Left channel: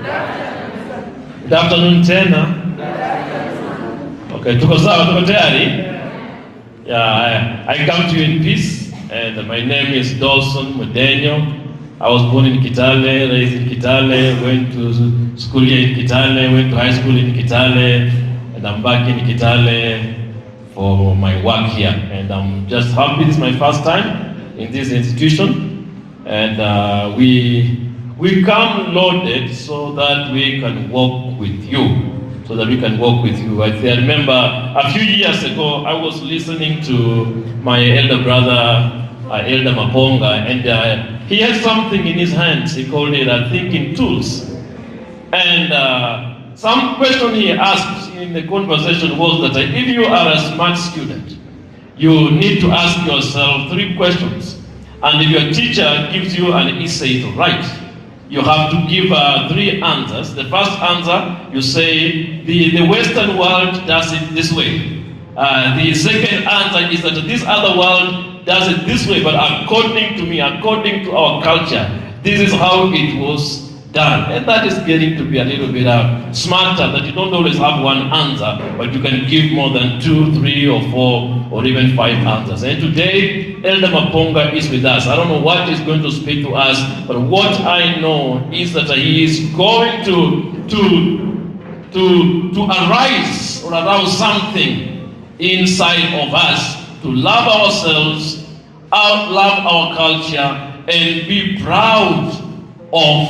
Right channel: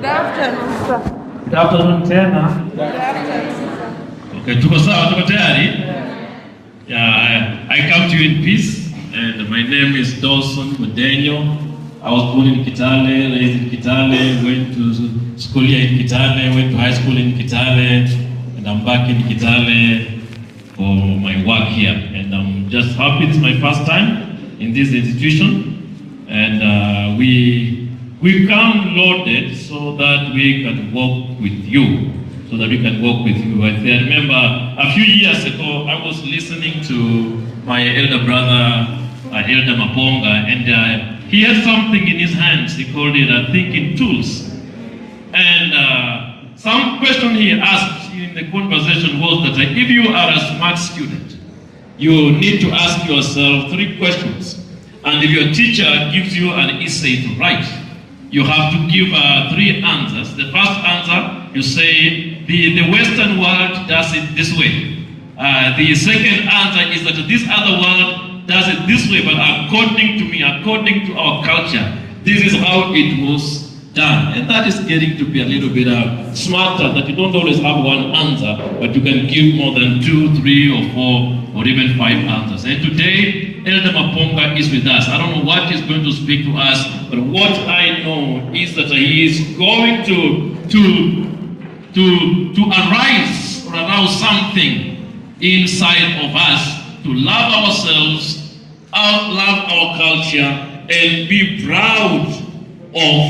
Good afternoon, sir. Good afternoon, tena. Okay, tuko sawa, tuko tayari? Yeah, I come to you in peace, and my name is Dawson Mudenyo. I was born in Kitale, raised in Kitale, went to school here in Kitale, went to high school in Kitale, and I'm back in Kitale for my work here. And I'm just happy it's my first time in this institution, and we come loaded so that we can walk with you. I remember a few years ago, I was listening to my elder brother, Elder Maponga, and he had something in his hands. He called it thinking tools. And some question he asked in the conversation was that if you are a smart student, you need to ask yourself 3 questions. And if your teacher gives you an essay to write, you have to give 3 answers. The first answer, you say, the Western world does it this way. The second answer is that this other world does it this way, but according to me, according to our culture, this is how it was done. And that is getting to be a little bit smarter, that you don't always have one answer, but you can give more than 2, 3, or 4, or even 5 answers. And today, Elder Maponga is with us. I don't know what he's going to speak to us, but what I know is that he is going to arise or arouse something inside of us to love ourselves, love our culture, and be proud of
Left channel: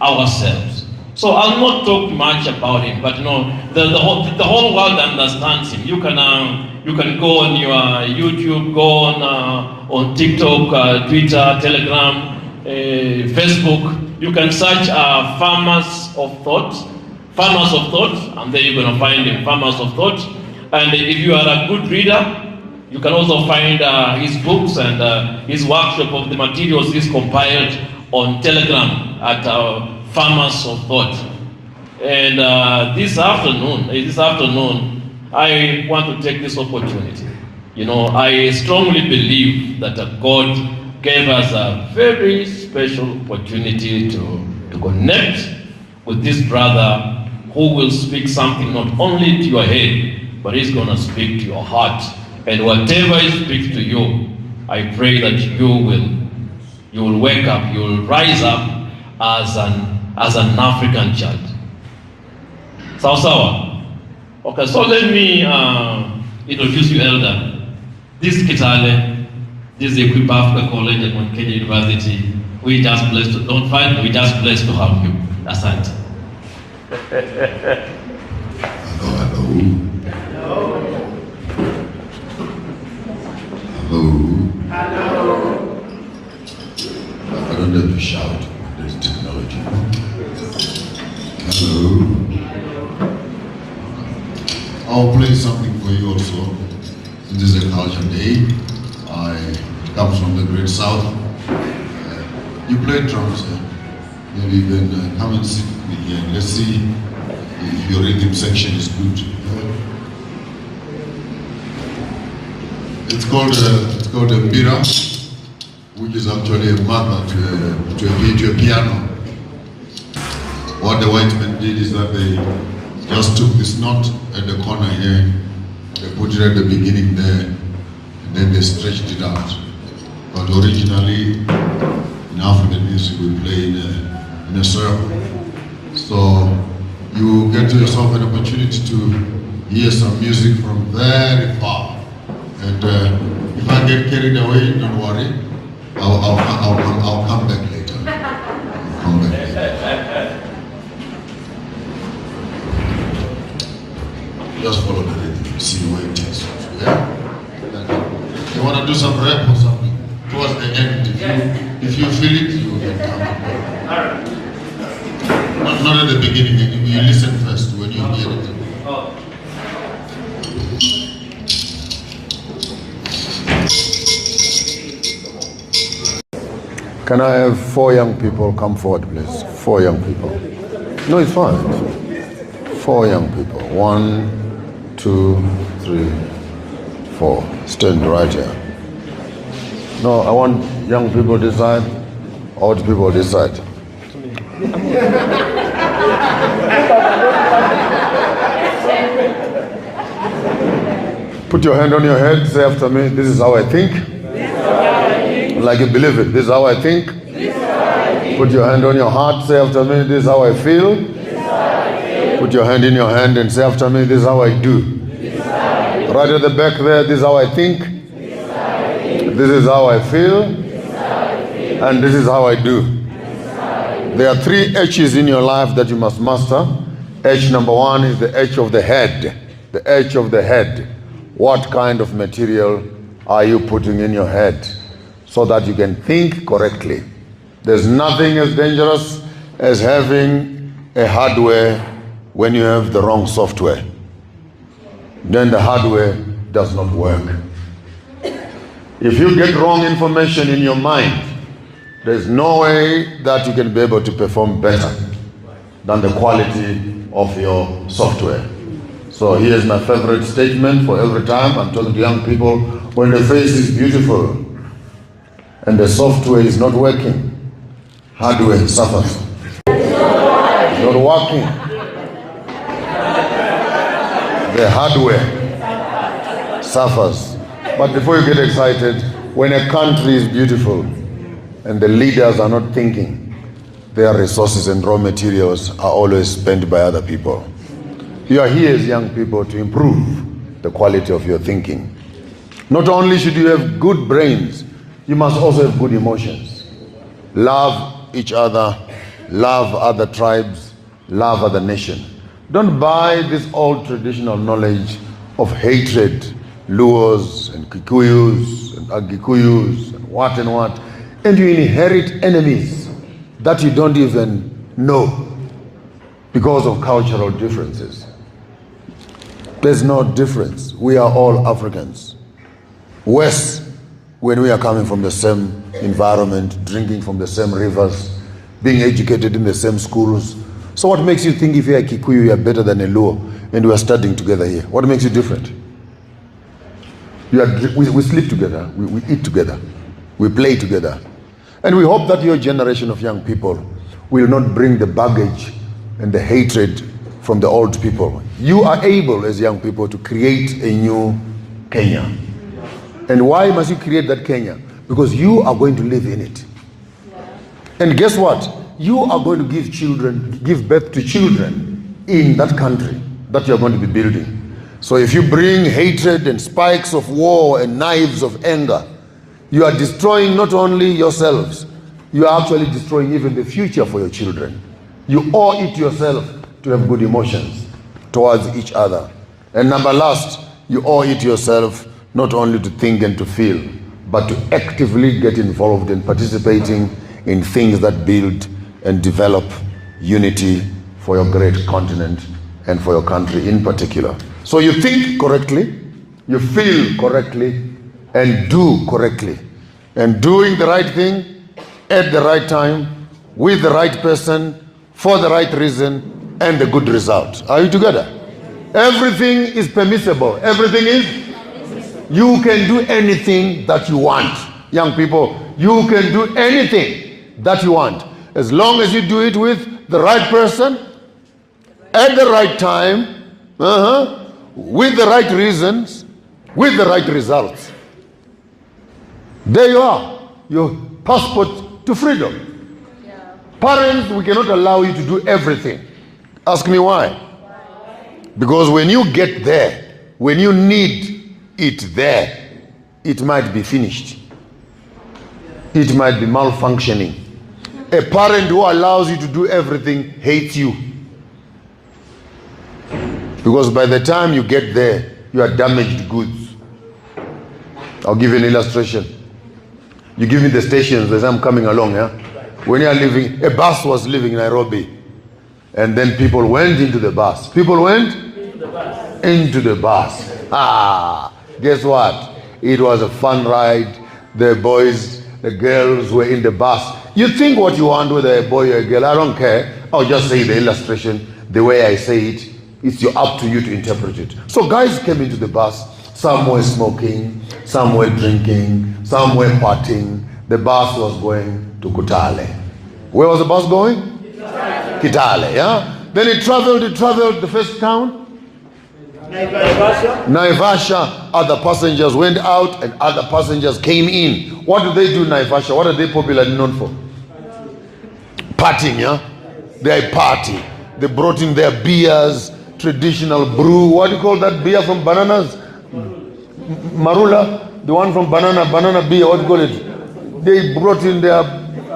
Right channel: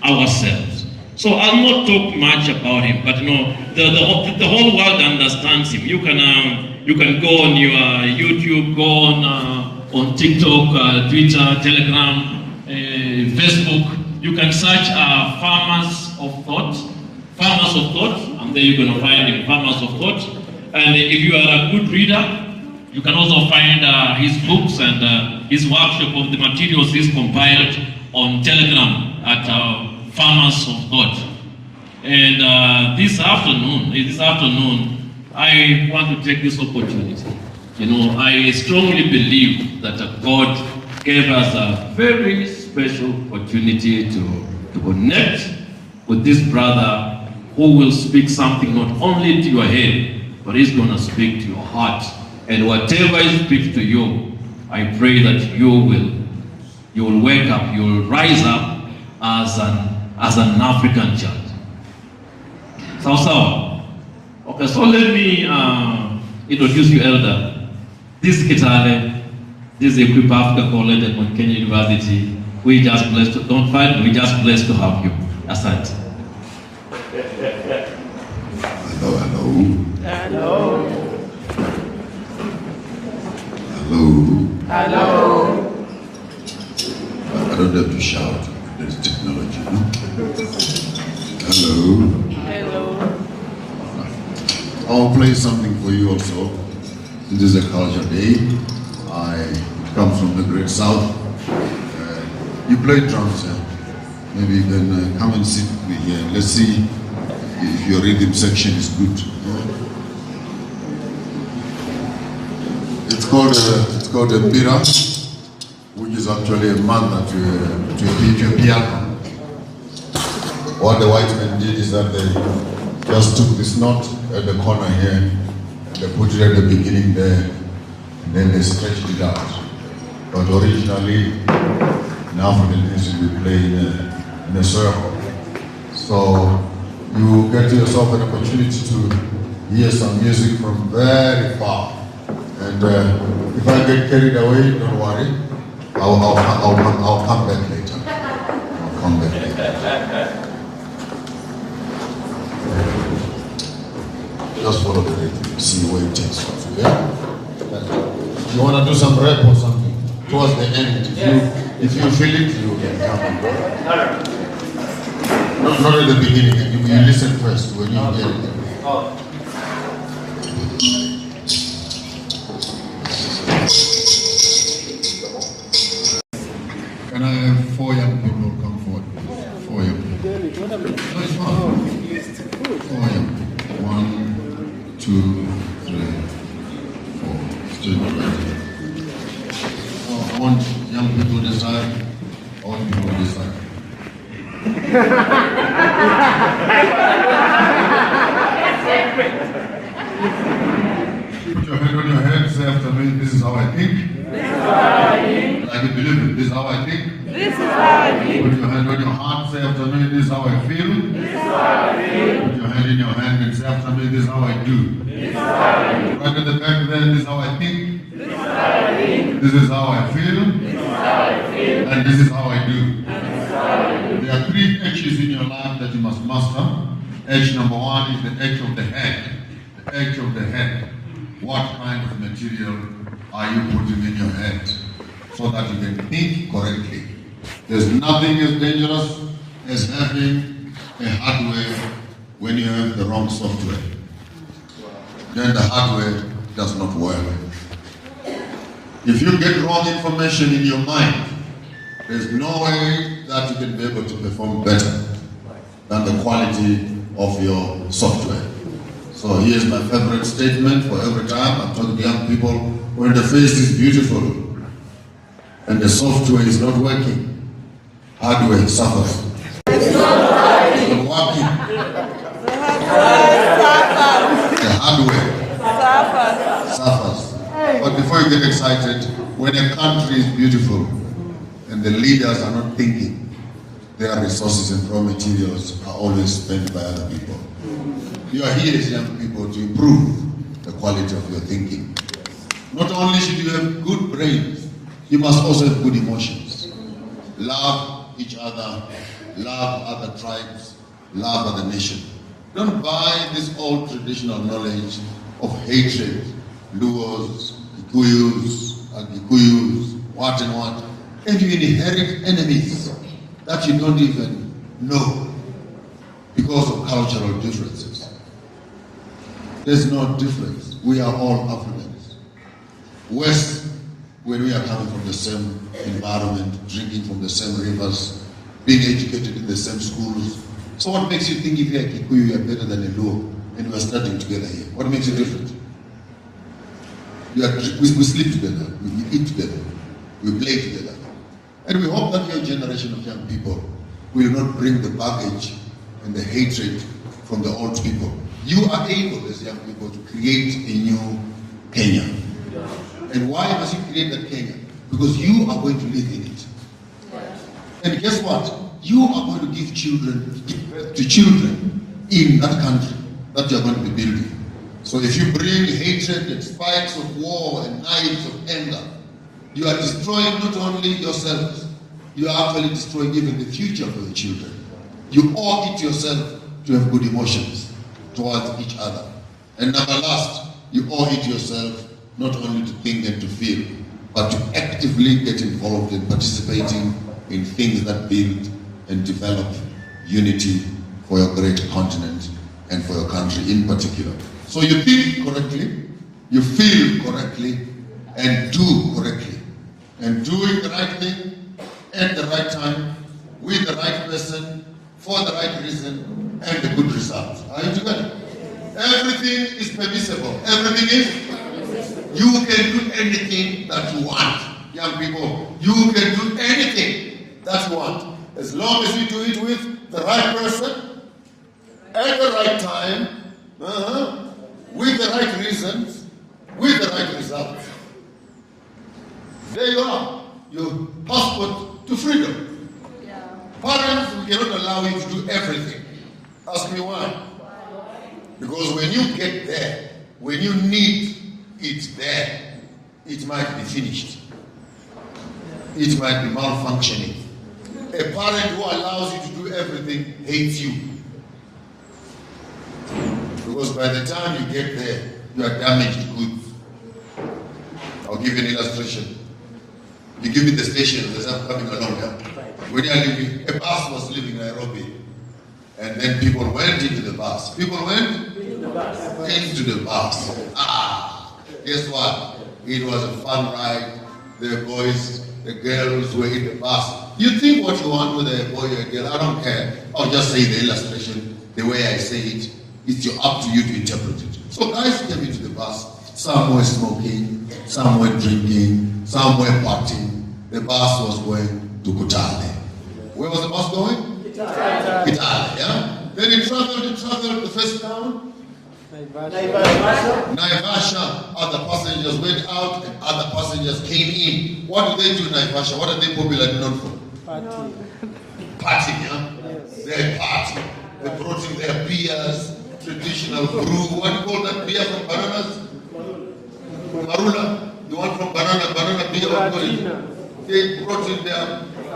ourselves. So I'll not talk much about him, but the whole world understands him. You can go on your YouTube, go on TikTok, Twitter, Telegram, Facebook. You can search Farmers of Thought, and then you're going to find him, Farmers of Thought. And if you are a good reader, you can also find his books and his workshop of the materials he's compiled on Telegram at Farmers of Thought. And this afternoon, I want to take this opportunity. I strongly believe that God gave us a very special opportunity to connect with this brother who will speak something not only to your head, but he's going to speak to your heart. And whatever he speaks to you, I pray that you will wake up, you will rise up as an African child. Sawa. Okay, so let me introduce you, Elder. This is Kitale. This is Equipa Africa College at Mount Kenya University. We're just blessed to, don't fight, we're just blessed to have you. That's it. Hello. I don't have to shout. There's technology. Hello. I'll play something for you also. This is a culture day. I come from the Great South. You play drums. Maybe you can come and sit with me here. Let's see if your rhythm section is good. It's called a bira, which is actually a mother to a piano. What the white men did is that they just took this knot at the corner here, they put it at the beginning there, and then they stretched it out. But originally, in African music, we play in a circle. So you get yourself an opportunity to hear some music from very far. And if I get carried away, don't worry. I'll come back later. I'll come back later. Just follow the rhythm, see where it takes you. Yeah? You want to do some rap or something towards the end. If you feel it, you can come in. Not at the beginning. You listen first when you hear it. Can I have 4 young people come forward, please? 4 young people. No, it's fine. 4 young people. 1, 2, 3, 4. Stand right here. No, I want young people this side, old people this side. Put your hand on your head, say after me, this is how I think. Like you believe it, this is how I think. Put your hand on your heart, say after me, this is how I feel. Put your hand in your hand and say after me, this is how I do. Right at the back there, this is how I think. This is how I feel. And this is how I do. There are 3 H's in your life that you must master. H number 1 is the H of the head. The H of the head. What kind of material are you putting in your head so that you can think correctly? There's nothing as dangerous as having a hardware when you have the wrong software. Then the hardware does not work. If you get wrong information in your mind, there's no way that you can be able to perform better than the quality of your software. So here's my favorite statement for every time I'm talking to young people. When the face is beautiful and the software is not working, hardware suffers. It's not working. The hardware suffers. But before you get excited, when a country is beautiful and the leaders are not thinking, their resources and raw materials are always spent by other people. You are here as young people to improve the quality of your thinking. Not only should you have good brains, you must also have good emotions. Love each other, love other tribes, love other nations. Don't buy this old traditional knowledge of hatred, Luos and Kikuyus and Agikuyus and what, and you inherit enemies that you don't even know because of cultural differences. There's no difference. We are all Africans. West, when we are coming from the same environment, drinking from the same rivers, being educated in the same schools. So what makes you think if you're a Kikuyu, you're better than a Luo, and we are studying together here? What makes you different? We sleep together, we eat together, we play together. And we hope that your generation of young people will not bring the baggage and the hatred from the old people. You are able as young people to create a new Kenya. And why must you create that Kenya? Because you are going to live in it. And guess what? You are going to give birth to children in that country that you are going to be building. So if you bring hatred and spikes of war and knives of anger, you are destroying not only yourselves, you are actually destroying even the future for your children. You owe it yourself to have good emotions towards each other. And number last, you owe it yourself not only to think and to feel, but to actively get involved in participating in things that build and develop unity for your great continent and for your country in particular. So you think correctly, you feel correctly, and do correctly. And doing the right thing at the right time, with the right person, for the right reason, and the good result. Are you together? Everything is permissible. Everything is. You can do anything that you want. Young people, you can do anything that you want. As long as you do it with the right person, at the right time, with the right reasons, with the right results. There you are, your passport to freedom. Yeah. Parents, we cannot allow you to do everything. Ask me why. Because when you get there, when you need it there, it might be finished. It might be malfunctioning. A parent who allows you to do everything hates you. Because by the time you get there, you are damaged goods. I'll give you an illustration. You give me the stations as I'm coming along, yeah? When you are leaving, a bus was leaving Nairobi. And then people went into the bus. People went? Into the bus. Guess what? It was a fun ride. The boys, the girls were in the bus. You think what you want, whether a boy or a girl, I don't care. I'll just say the illustration, the way I say it. It's up to you to interpret it. So guys came into the bus. Some were smoking, some were drinking, some were partying. The bus was going to Kitale. Where was the bus going? Kitale. Kitale, yeah? Then he traveled the first town. Naivasha, other passengers went out and other passengers came in. What do they do in Naivasha? What are they popularly known for? Partying, yeah? They party. They brought in their beers, traditional brew. What do you call that beer from bananas? Marula, the one from banana beer, what do you call it? They brought in their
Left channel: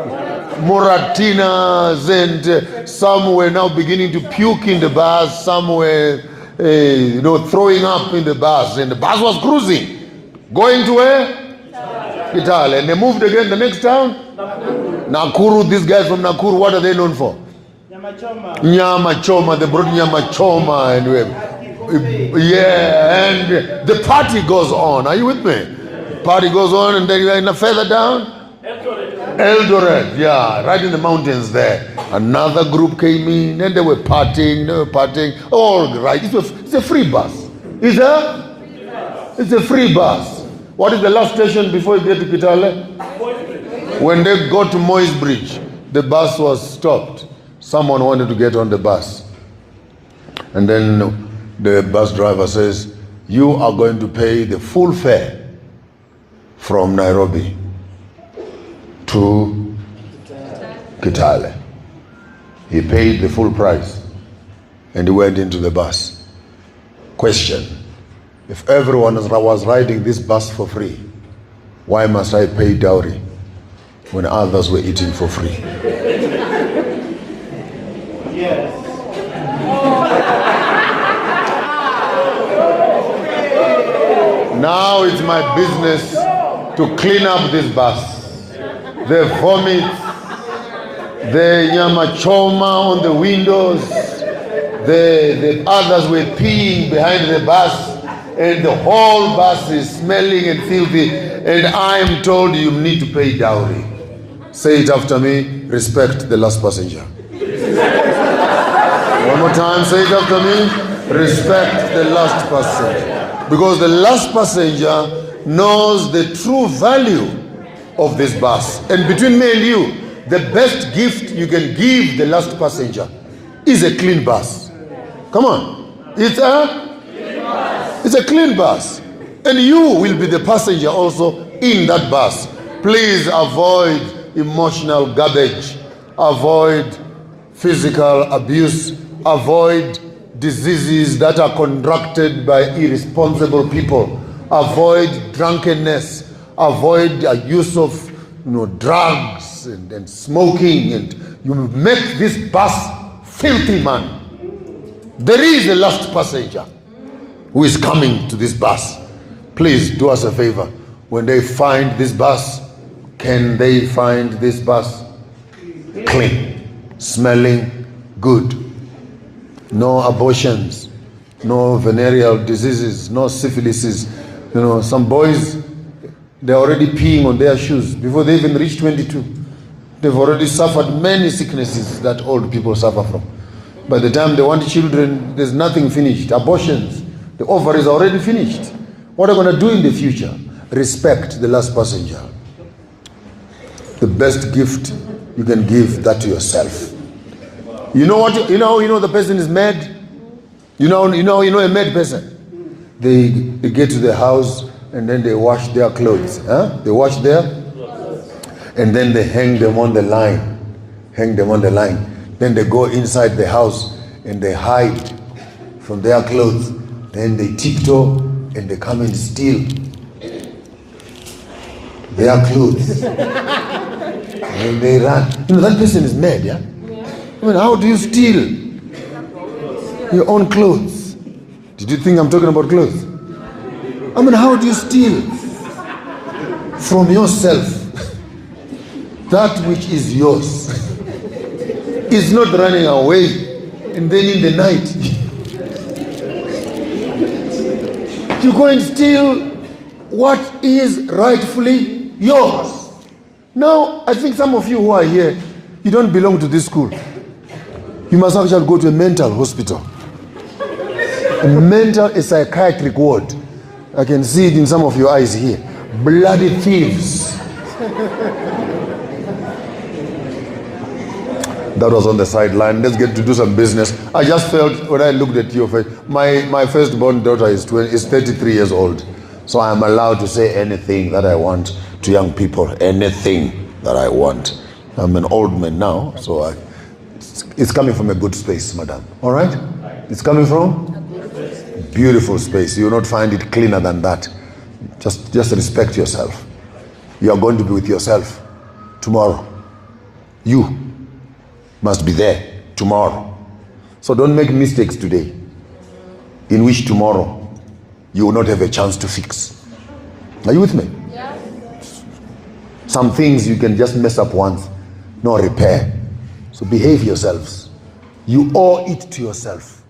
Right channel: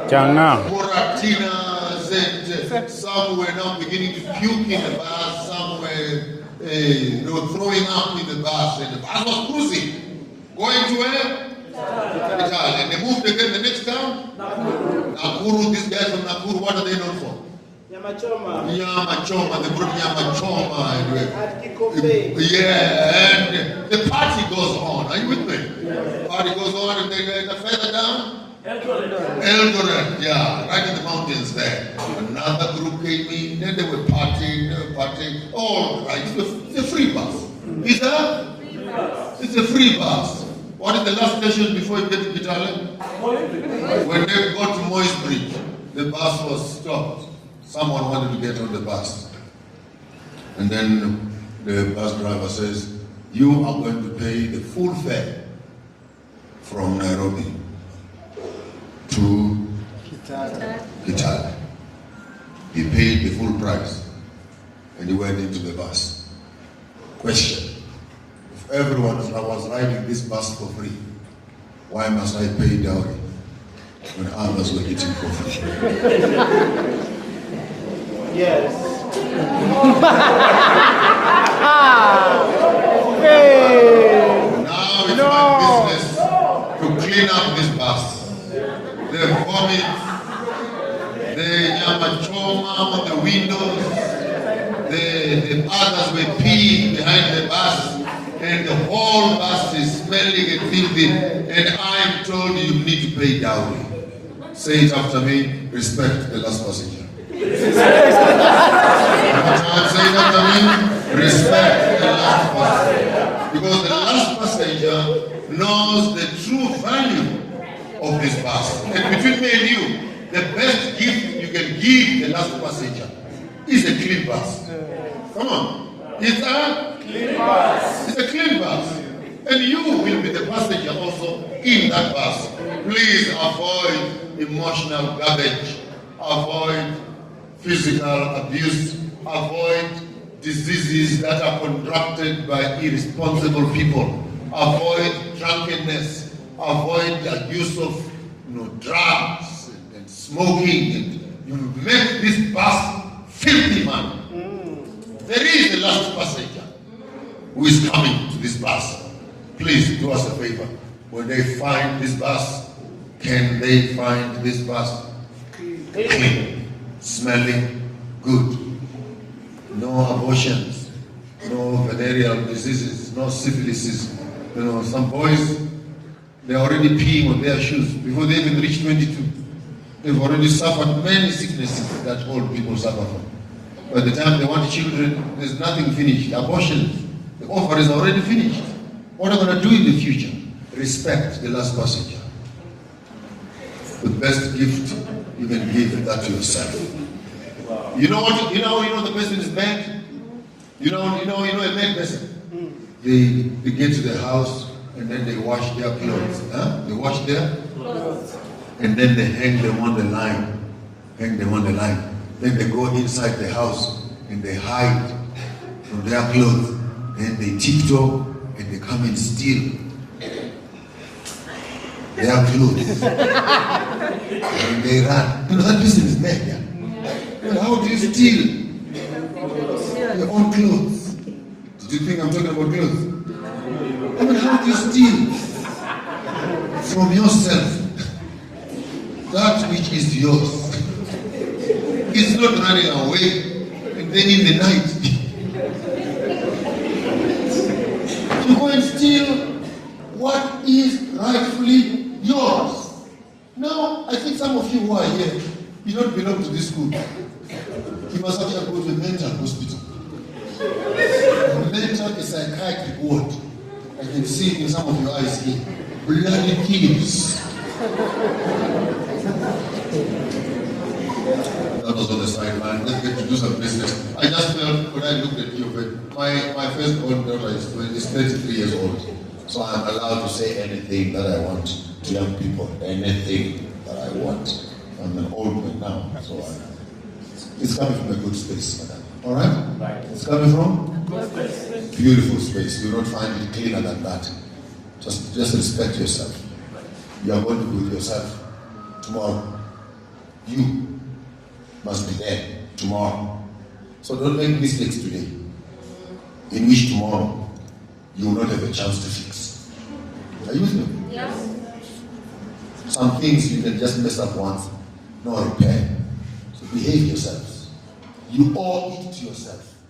Moratinas, and some were now beginning to puke in the bus, some were throwing up in the bus, and the bus was cruising, going to where? Kitale. And they moved again the next town? Nakuru. These guys from Nakuru, what are they known for? Nyama choma. They brought nyama choma, and and the party goes on. Are you with me? Party goes on, and then further down, Eldoret, yeah, right in the mountains there. Another group came in and they were partying. All right, it's a free bus. It's a free bus. What is the last station before you get to Kitale? When they go to Moy's Bridge, the bus was stopped. Someone wanted to get on the bus. And then the bus driver says, you are going to pay the full fare from Nairobi to Kitale. He paid the full price and he went into the bus. Question: if everyone was riding this bus for free, why must I pay dowry when others were eating for free? Yes. Now it's my business to clean up this bus. The vomit, the nyama choma on the windows, the others were peeing behind the bus, and the whole bus is smelling and filthy, and I am told you need to pay dowry. Say it after me: respect the last passenger. One more time, say it after me: respect the last passenger. Because the last passenger knows the true value of this bus. And between me and you, the best gift you can give the last passenger is a clean bus. Come on. It's a clean bus. It's a clean bus. And you will be the passenger also in that bus. Please avoid emotional garbage. Avoid physical abuse. Avoid diseases that are contracted by irresponsible people. Avoid drunkenness. Avoid the use of drugs and smoking, and you make this bus filthy, man. There is a last passenger who is coming to this bus. Please do us a favor. When they find this bus, can they find this bus clean, smelling good? No abortions, no venereal diseases, no syphilises. Some boys, they're already peeing on their shoes before they even reach 22. They've already suffered many sicknesses that old people suffer from. By the time they want children, there's nothing finished. Abortions, the ovary is already finished. What are you going to do in the future? Respect the last passenger. The best gift you can give that to yourself. You know what? You know the person is mad. You know a mad person. They get to the house and then they wash their clothes. They wash their clothes. And then they hang them on the line. Then they go inside the house and they hide from their clothes. Then they tiptoe and they come and steal their clothes. And they run. That person is mad, yeah? How do you steal your own clothes? Did you think I'm talking about clothes? How do you steal from yourself that which is yours? It's not running away and then in the night you go and steal what is rightfully yours. Now, I think some of you who are here, you don't belong to this school. You must actually go to a mental hospital. A psychiatric ward. I can see it in some of your eyes here. Bloody thieves. that was on the sideline. Let's get to do some business. I just felt when I looked at your face, my firstborn daughter is 33 years old. So I'm allowed to say anything that I want to young people, anything that I want. I'm an old man now, so it's coming from a good space, madam. All right? It's coming from? Beautiful space. You will not find it cleaner than that. Just respect yourself. You are going to be with yourself tomorrow. You must be there tomorrow. So don't make mistakes today, in which tomorrow you will not have a chance to fix. Are you with me? Yes. Some things you can just mess up once, no repair. So behave yourselves. You owe it to yourself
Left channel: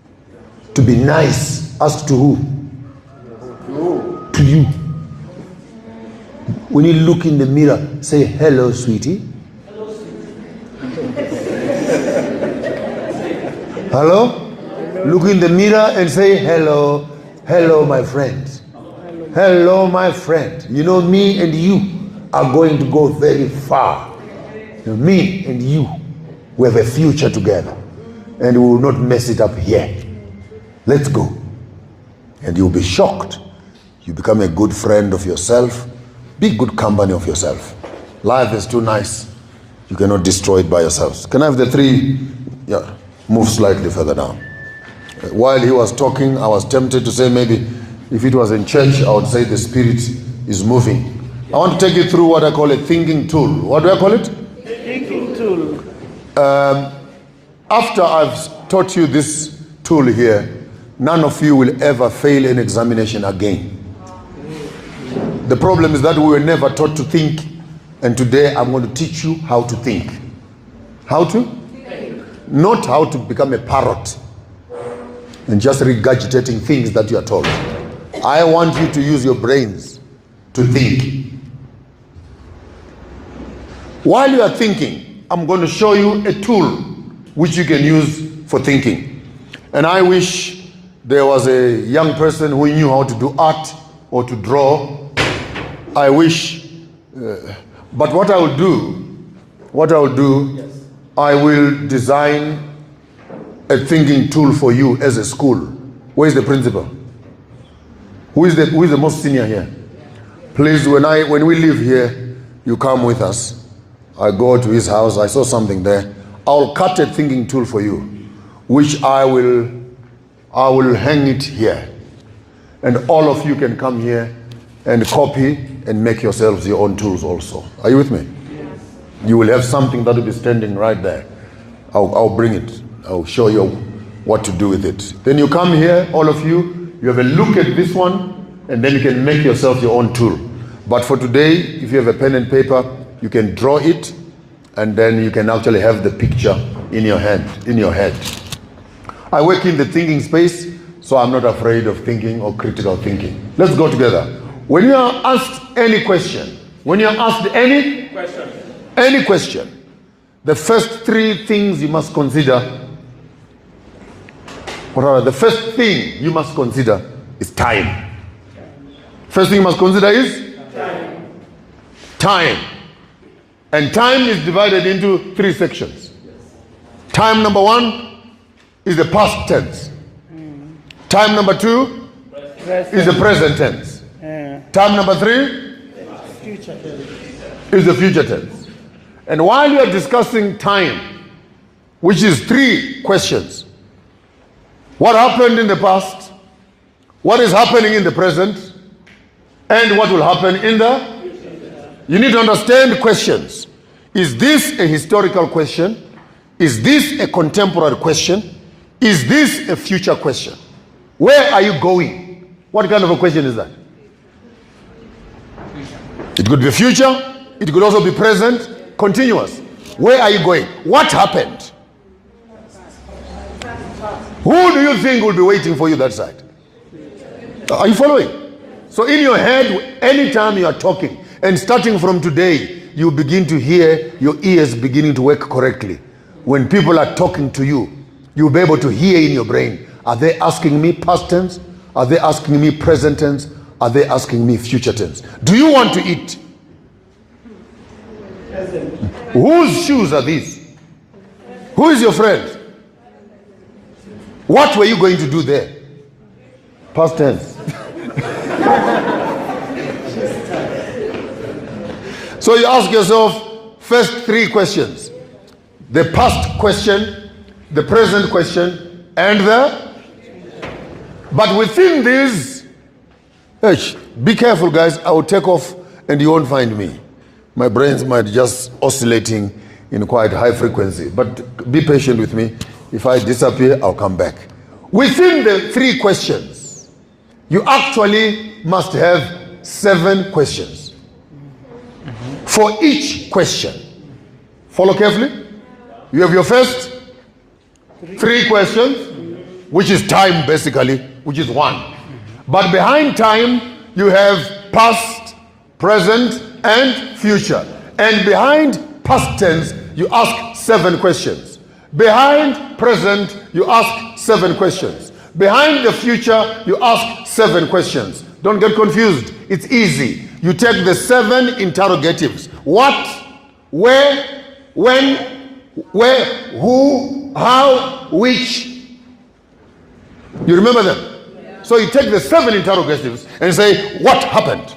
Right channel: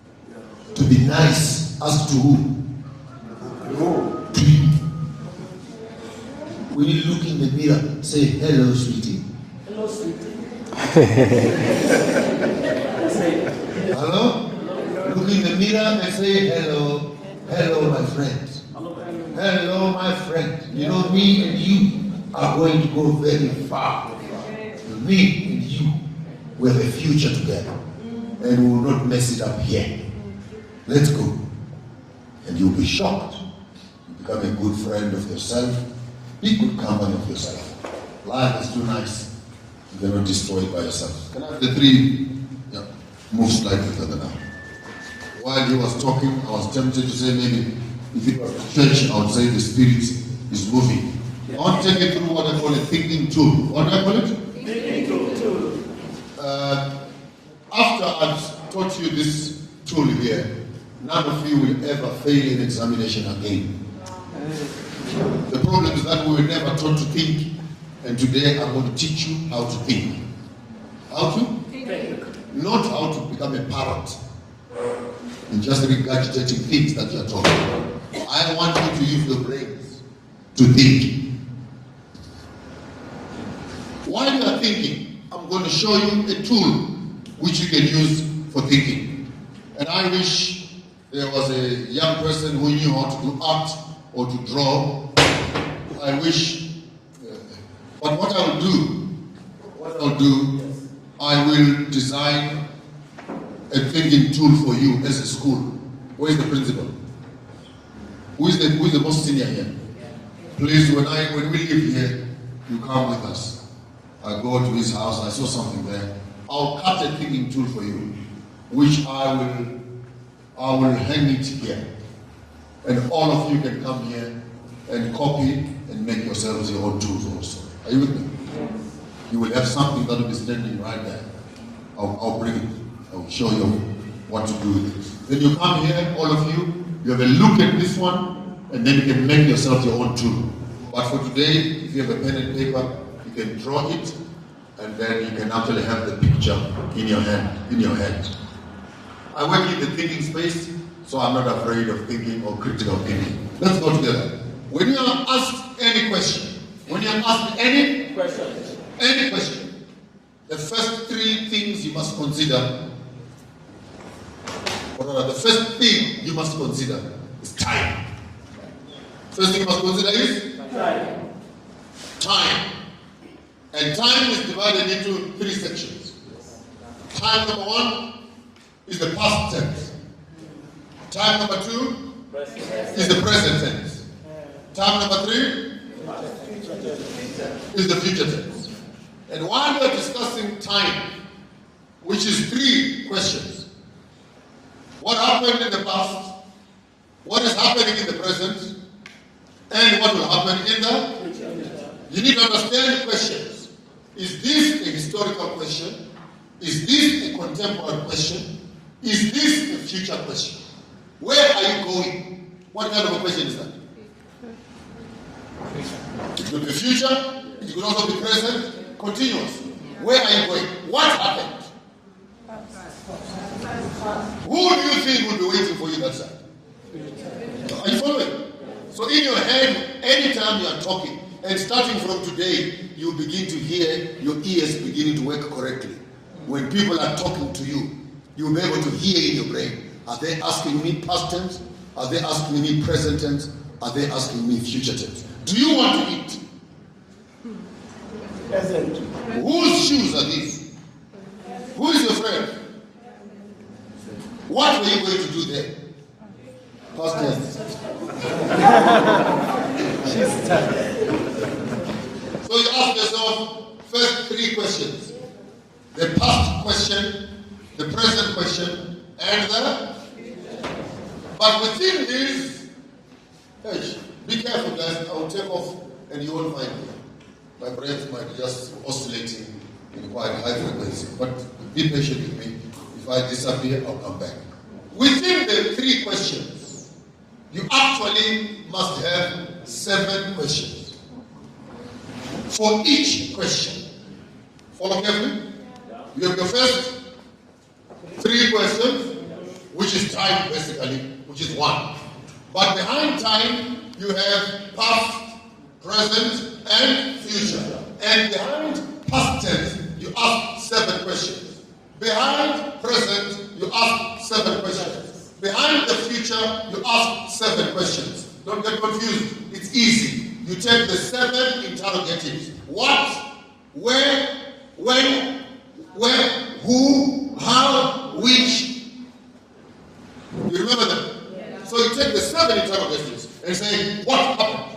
to be nice. As to who? To you. When you look in the mirror, say, hello, sweetie. Hello, sweetie. Hello? Look in the mirror and say, hello. Hello, my friend. Hello, my friend. You know, me and you are going to go very far. Me and you, we have a future together. And we will not mess it up here. Let's go. And you'll be shocked. You become a good friend of yourself. Be good company of yourself. Life is too nice. You cannot destroy it by yourselves. Can I have the three? Yeah, move slightly further down. While he was talking, I was tempted to say maybe if it was in church, I would say the Spirit is moving. I want to take you through what I call a thinking tool. What do I call it? Thinking tool. After I've taught you this tool here, none of you will ever fail an examination again. The problem is that we were never taught to think, and today I'm going to teach you how to think. How to? Think. Not how to become a parrot and just regurgitating things that you are told. I want you to use your brains to think. While you are thinking, I'm going to show you a tool which you can use for thinking. And I wish there was a young person who knew how to do art or to draw. I wish, but what I will do, I will design a thinking tool for you as a school. Where is the principal? Who is the most senior here? Please, when we leave here, you come with us. I go to his house. I saw something there. I'll cut a thinking tool for you, which I will hang it here, and all of you can come here and copy and make yourselves your own tools also. Are you with me? You will have something that will be standing right there. I'll bring it. I'll show you what to do with it. Then you come here, all of you, you have a look at this one, and then you can make yourself your own tool. But for today, if you have a pen and paper, you can draw it, and then you can actually have the picture in your head. I work in the thinking space, so I'm not afraid of thinking or critical thinking. Let's go together. When you are asked any question, any question, the first three things you must consider, the first thing you must consider is time. First thing you must consider is time. And time is divided into three sections. Time number one is the past tense. Time number two is the present tense. Time number three is the future tense. And while you are discussing time, which is three questions, what happened in the past, what is happening in the present, and what will happen in the future. You need to understand questions. Is this a historical question? Is this a contemporary question? Is this a future question? Where are you going? What kind of a question is that? It could be future, it could also be present, continuous. Where are you going? What happened? Who do you think will be waiting for you that side? Are you following? So in your head, anytime you are talking, and starting from today, you begin to hear your ears beginning to work correctly. When people are talking to you, you'll be able to hear in your brain, are they asking me past tense? Are they asking me present tense? Are they asking me future tense? Do you want to eat? Present. Whose shoes are these? Who is your friend? What were you going to do there? Past tense. So you ask yourself first 3 questions. The past question, the present question, and the... But within these, be careful guys, I will take off and you won't find me. My brains might just oscillating in quite high frequency, but be patient with me. If I disappear, I'll come back. Within the 3 questions, you actually must have 7 questions. For each question. Follow carefully. You have your first 3 questions, which is time basically, which is 1. But behind time, you have past, present, and future. And behind past tense, you ask 7 questions. Behind present, you ask 7 questions. Behind the future, you ask 7 questions. Don't get confused. It's easy. You take the 7 interrogatives. What, where, when, where, who, how, which. You remember them? So you take the 7 interrogatives and say, what happened?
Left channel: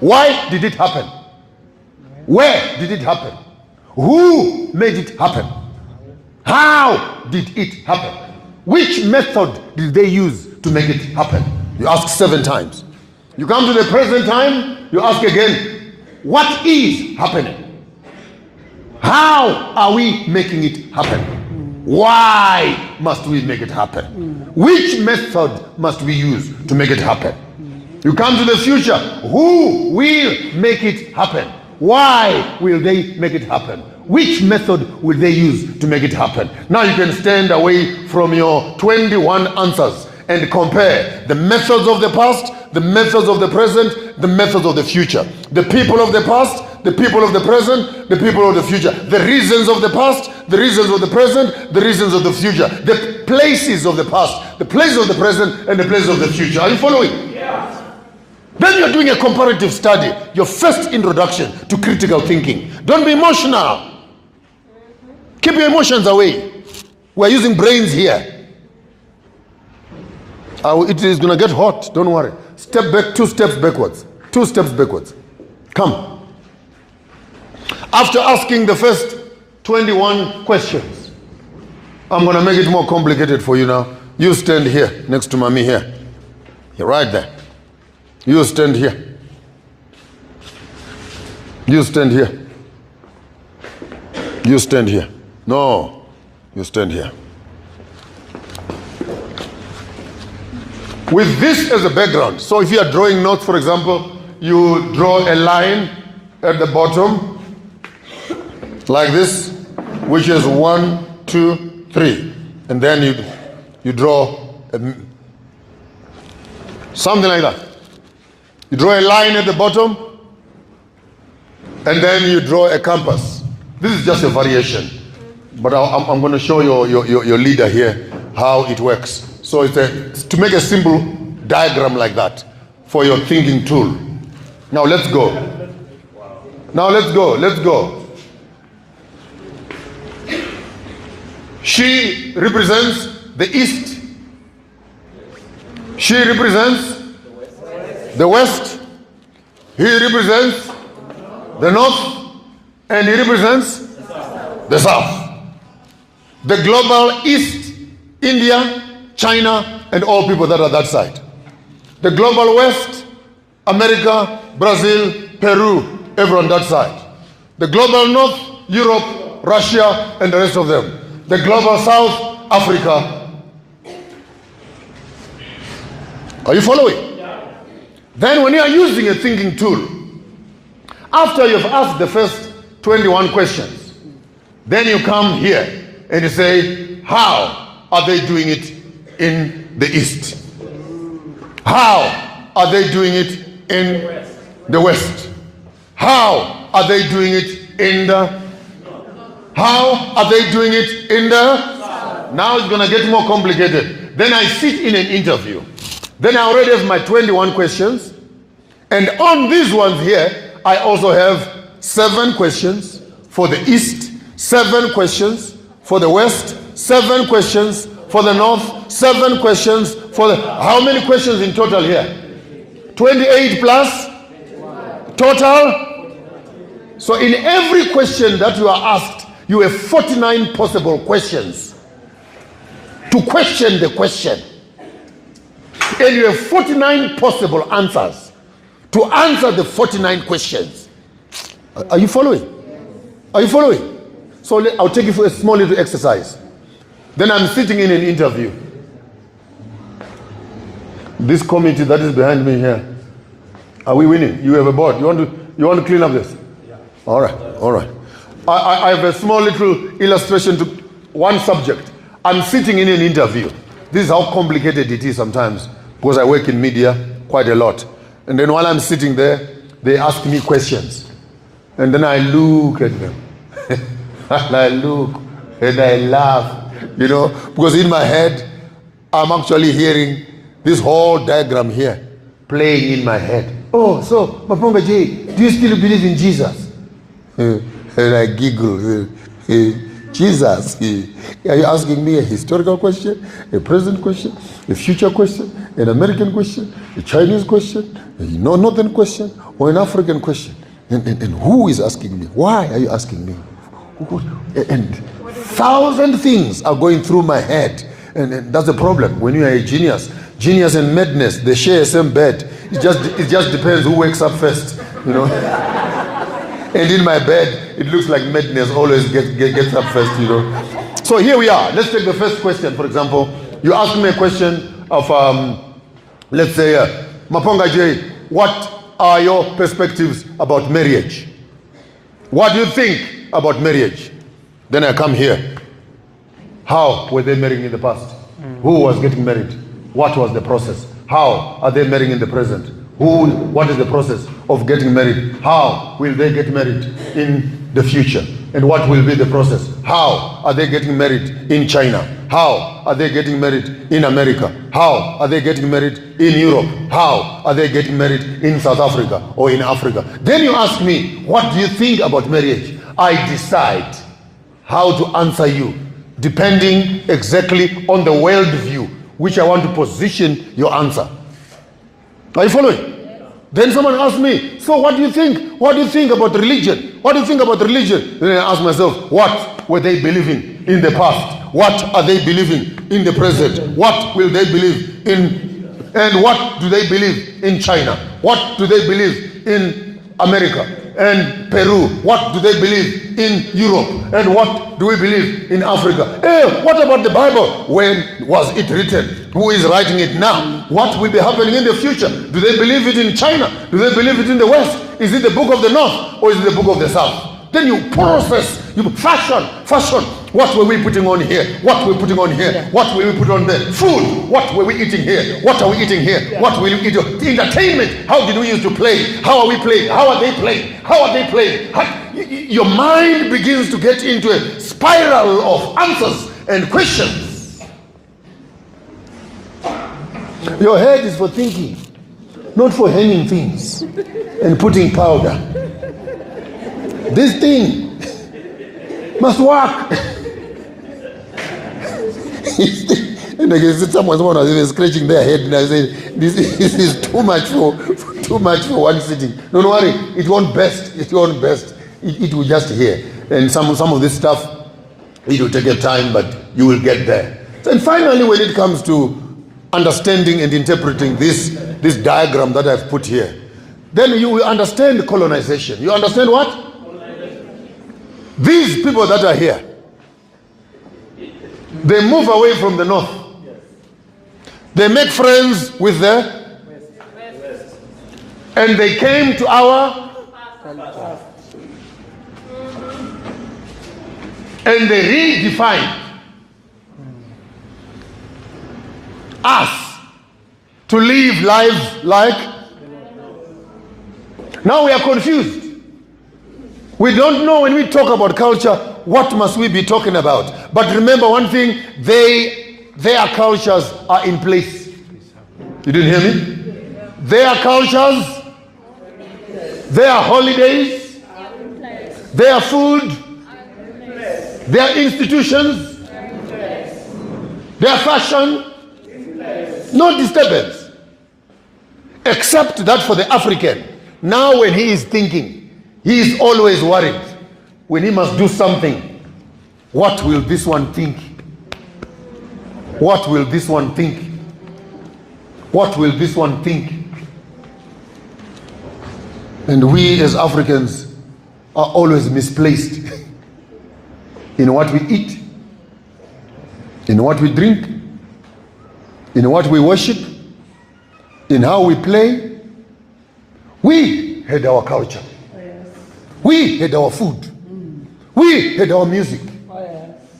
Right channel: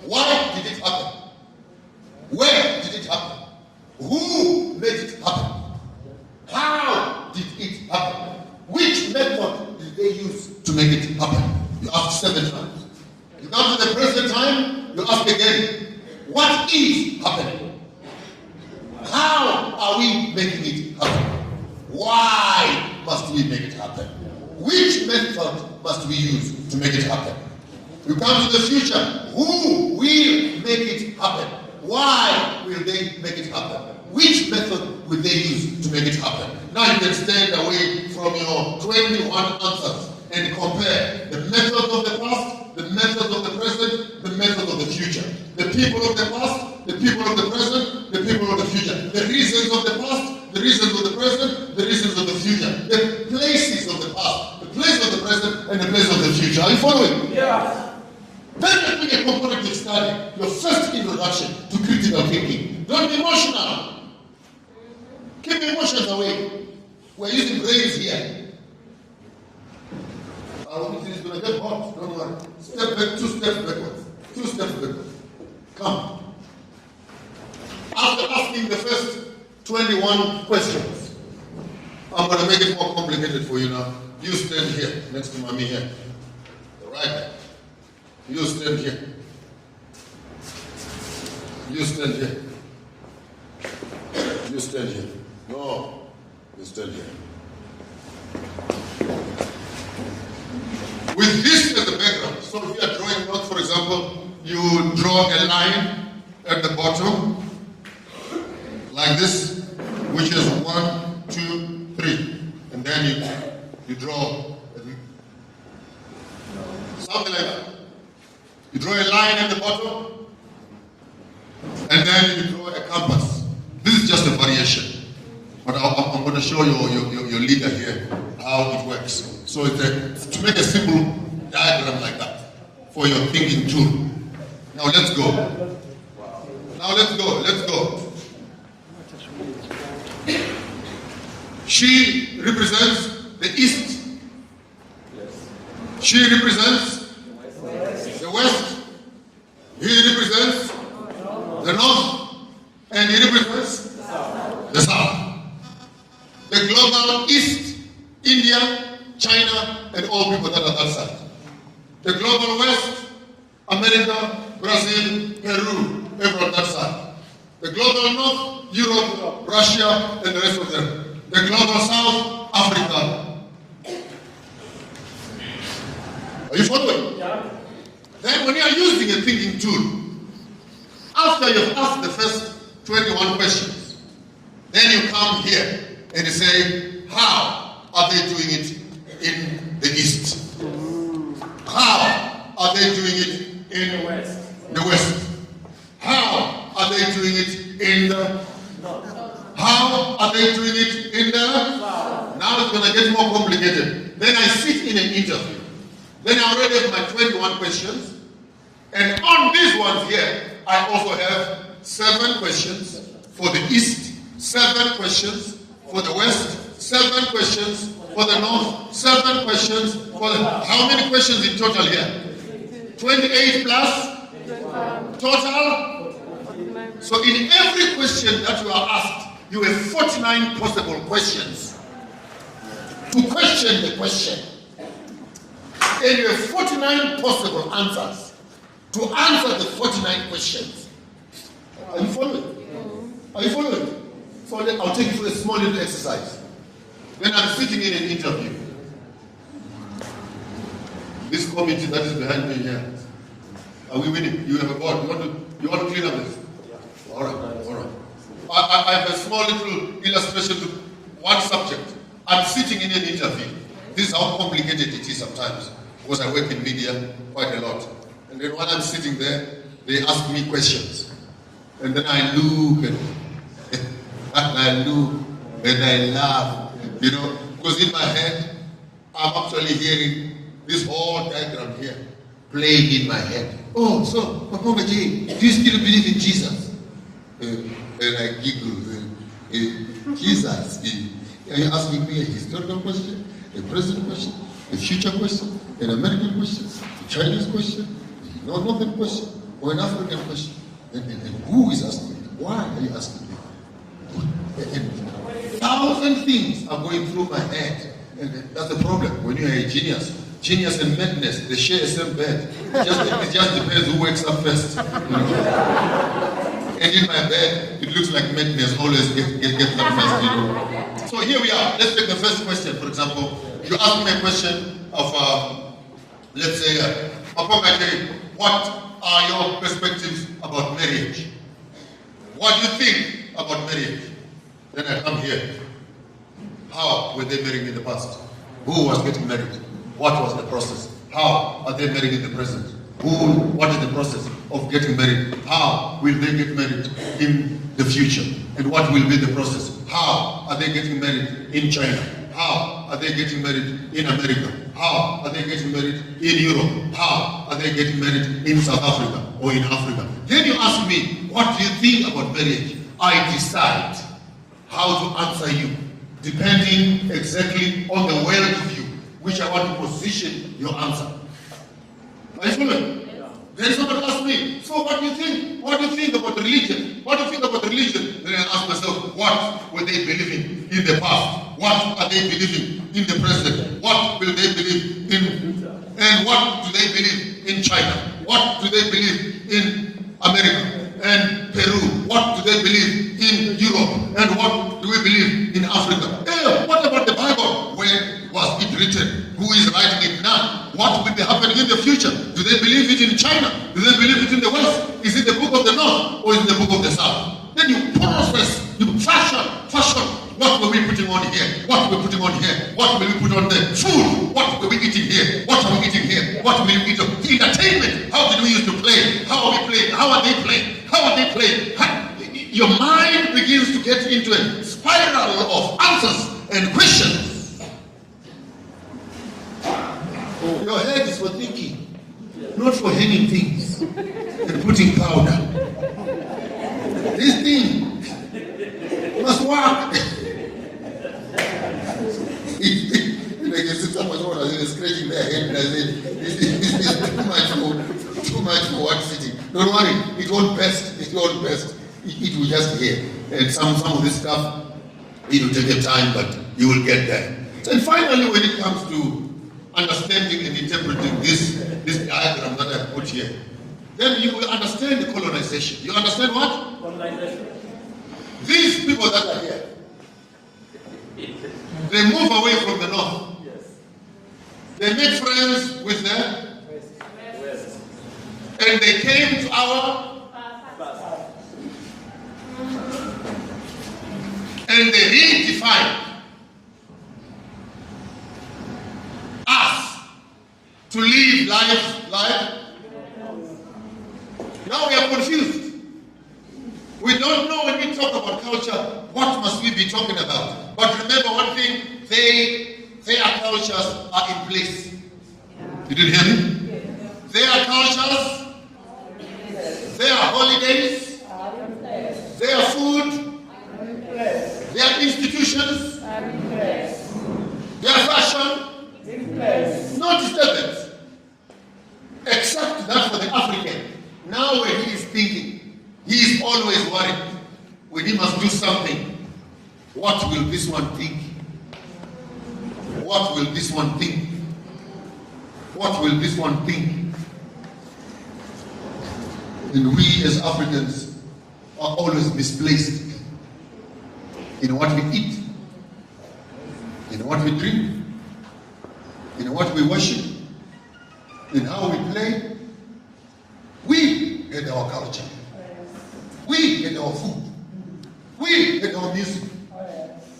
Why did it happen? Where did it happen? Who made it happen? How did it happen? Which method did they use to make it happen? You ask 7 times. You come to the present time, you ask again, what is happening? How are we making it happen? Why must we make it happen? Which method must we use to make it happen? You come to the future, who will make it happen? Why will they make it happen? Which method will they use to make it happen? Now you can stand away from your 21 answers and compare the methods of the past, the methods of the present, the methods of the future. The people of the past, the people of the present, the people of the future. The reasons of the past, the reasons of the present, the reasons of the future. The places of the past, the places of the present, and the places of the future. Are you following? Yes. Then you're doing a comparative study, your first introduction to critical thinking. Don't be emotional. Keep your emotions away. We're using brains here. It is going to get hot, don't worry. Step back, 2 steps backwards. 2 steps backwards. Come. After asking the first 21 questions, I'm going to make it more complicated for you now. You stand here, next to mommy here. You're right there. You stand here. You stand here. You stand here. No, you stand here. With this as a background, so if you are drawing notes, for example, you draw a line at the bottom, like this, which is 1, 2, 3. And then you draw something like that. You draw a line at the bottom, and then you draw a compass. This is just a variation, but I'm going to show your leader here how it works. So it's to make a simple diagram like that for your thinking tool. Now let's go. Now let's go. Let's go. She represents the east. She represents the west. He represents the north. And he represents the south. The global east, India, China, and all people that are that side. The global west, America, Brazil, Peru, everyone that side. The global north, Europe, Russia, and the rest of them. The global south, Africa. Are you following? Yeah. Then when you are using a thinking tool, after you've asked the first 21 questions, then you come here and you say, how are they doing it in the east? How are they doing it in the west? How are they doing it in the... How are they doing it in the... Now it's going to get more complicated. Then I sit in an interview. Then I already have my 21 questions. And on these ones here, I also have 7 questions for the east, 7 questions For the West, 7 questions. For the North, 7 questions. For the... How many questions in total here? 28 plus? Total? So in every question that you are asked, you have 49 possible questions to question the question. And you have 49 possible answers to answer the 49 questions. Are you following? Are you following? So I'll take you for a small little exercise. Then I'm sitting in an interview. This committee that is behind me here, are we winning? You have a board. You want to clean up this? All right, all right. I have a small little illustration to one subject. I'm sitting in an interview. This is how complicated it is sometimes, because I work in media quite a lot. And then while I'm sitting there, they ask me questions. And then I look at them. And I look and I laugh, you know, because in my head, I'm actually hearing this whole diagram here playing in my head. Oh, so, Maponga J, do you still believe in Jesus? And I giggle. Jesus, are you asking me a historical question, a present question, a future question, an American question, a Chinese question, a northern question, or an African question? And who is asking me? Why are you asking me? And 1,000 things are going through my head. And that's the problem. When you are a genius, genius and madness, they share the same bed. It just depends who wakes up first, you know. And in my bed, it looks like madness always gets up first, you know. So here we are. Let's take the first question, for example. You asked me a question of, let's say, Maponga J, what are your perspectives about marriage? What do you think about marriage? Then I come here. How were they marrying in the past? Who was getting married? What was the process? How are they marrying in the present? What is the process of getting married? How will they get married in the future? And what will be the process? How are they getting married in China? How are they getting married in America? How are they getting married in Europe? How are they getting married in South Africa or in Africa? Then you ask me, what do you think about marriage? I decide how to answer you, depending exactly on the worldview which I want to position your answer. Are you following? Then someone asked me, so what do you think? What do you think about religion? What do you think about religion? Then I ask myself, what were they believing in the past? What are they believing in the present? What will they believe in? And what do they believe in China? What do they believe in America and Peru? What do they believe in Europe? And what do we believe in Africa? Hey, what about the Bible? When was it written? Who is writing it now? What will be happening in the future? Do they believe it in China? Do they believe it in the West? Is it the book of the North or is it the book of the South? Then you process, you fashion. What were we putting on here? What were we putting on here? What will we put on there? Food. What were we eating here? What are we eating here? What will we eat? Entertainment. How did we used to play? How are we playing? How are they playing? How are they playing? Your mind begins to get into a spiral of answers and questions. Your head is for thinking, not for hanging things and putting powder. This thing must work. And again, someone was even scratching their head, and I said, "This is too much for one sitting." Don't worry, it won't burst. It won't burst. It will just here. And some of this stuff, it will take a time, but you will get there. And finally, when it comes to understanding and interpreting this diagram that I've put here, then you will understand colonization. You understand what? Colonization. These people that are here, they move away from the north. Yes. They make friends with the west. And they came to our and they redefined us to live lives like. Now we are confused. We don't know when we talk about culture, what must we be talking about? But remember one thing, their cultures are in place. You didn't hear me? Their cultures, their holidays, their food, Their institutions, their fashion, no disturbance. Except that for the African, now when he is thinking, he is always worried. When he must do something, what will this one think? What will this one think? What will this one think? And we as Africans are always misplaced in what we eat, in what we drink, in what we worship, in how we play. We had our culture. We had our food. We had our music.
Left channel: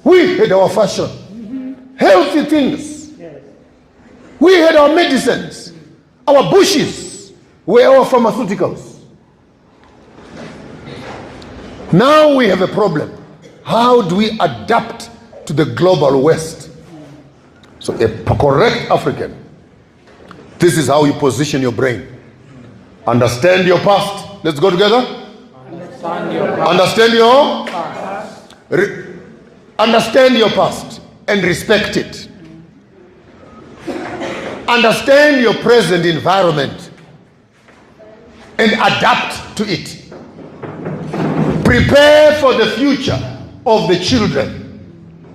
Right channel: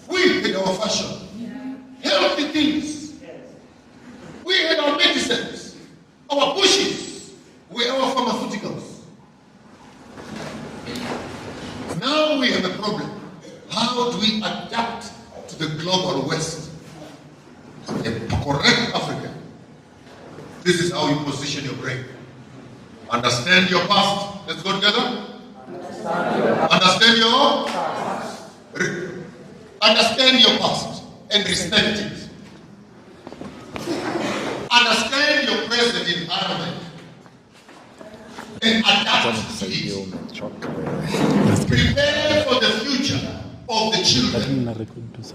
We had our fashion. Healthy things. We had our medicines. Our bushes were our pharmaceuticals. Now we have a problem. How do we adapt to the global West? So a correct African, this is how you position your brain. Understand your past. Let's go together. Understand your past. Understand your past and respect it. Understand your present environment and adapt to it. Prepare for the future of the children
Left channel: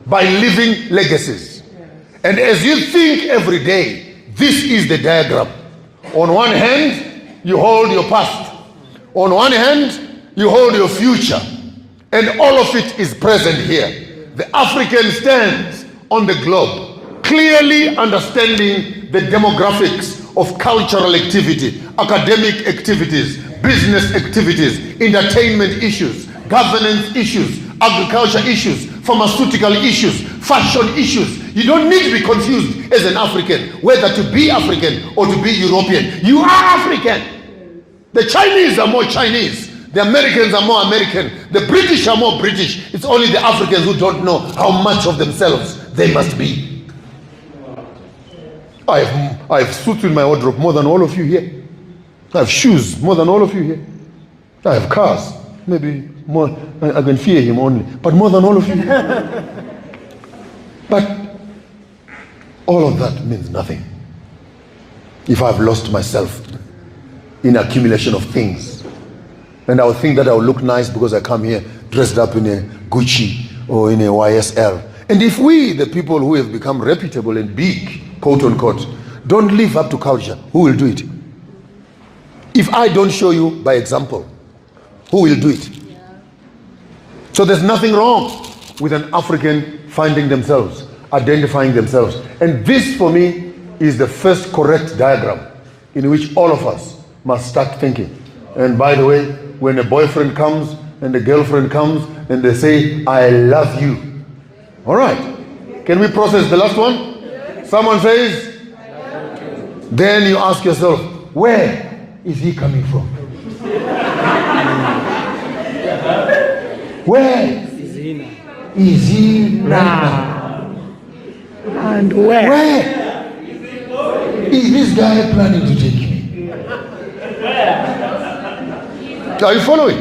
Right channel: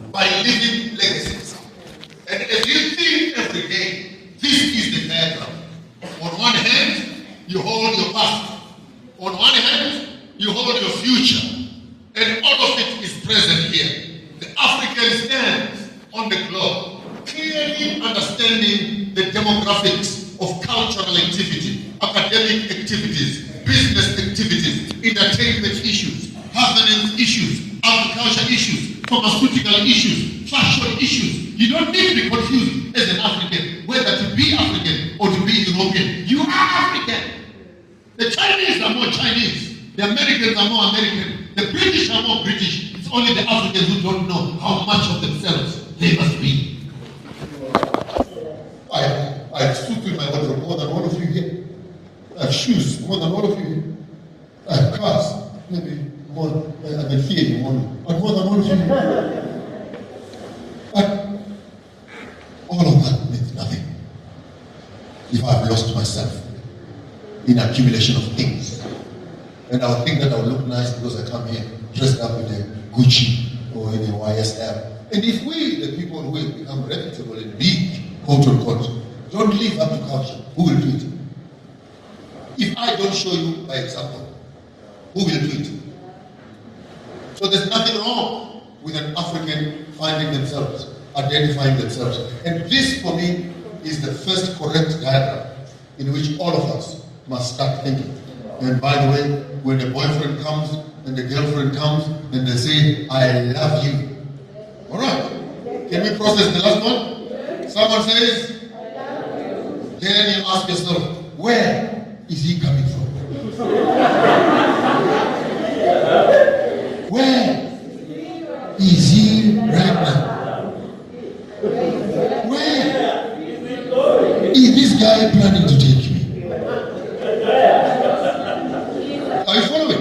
by leaving legacies. And as you think every day, this is the diagram. On one hand, you hold your past. On one hand, you hold your future. And all of it is present here. The African stands on the globe, clearly understanding the demographics of cultural activity, academic activities, business activities, entertainment issues, governance issues, agriculture issues, pharmaceutical issues, fashion issues. You don't need to be confused as an African, whether to be African or to be European. You are African. The Chinese are more Chinese. The Americans are more American. The British are more British. It's only the Africans who don't know how much of themselves they must be. I have suits in my wardrobe more than all of you here. I have shoes more than all of you here. I have cars, maybe more. I can fear him only, but more than all of you here. But all of that means nothing if I've lost myself in accumulation of things. And I'll think that I'll look nice because I come here dressed up in a Gucci or in a YSL. And if we, the people who have become reputable and big, quote unquote, don't live up to culture, who will do it? If I don't show you by example, who will do it? So there's nothing wrong with an African finding themselves, identifying themselves. And this for me is the first correct diagram in which all of us must start thinking. And by the way, when a boyfriend comes and a girlfriend comes and they say, I love you. All right. Can we process the last one? Someone says, then you ask yourself, where is he coming from? Where is he right now? And where? Where is this guy planning to take me? Are you following?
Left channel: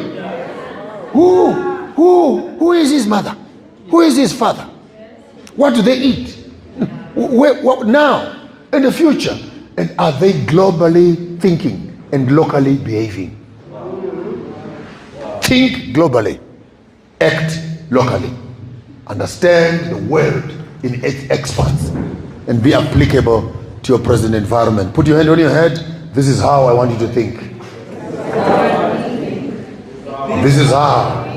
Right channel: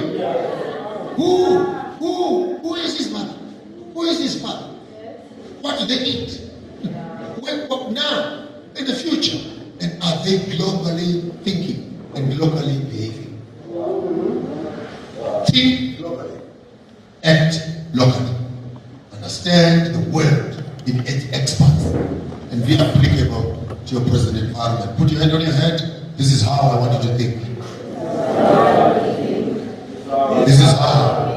Who is his mother? Who is his father? What do they eat? What now? In the future? And are they globally thinking and locally behaving? Think globally. Act locally. Understand the world in its expanse and be applicable to your present environment. Put your hand on your head. This is how I want you to think. This is how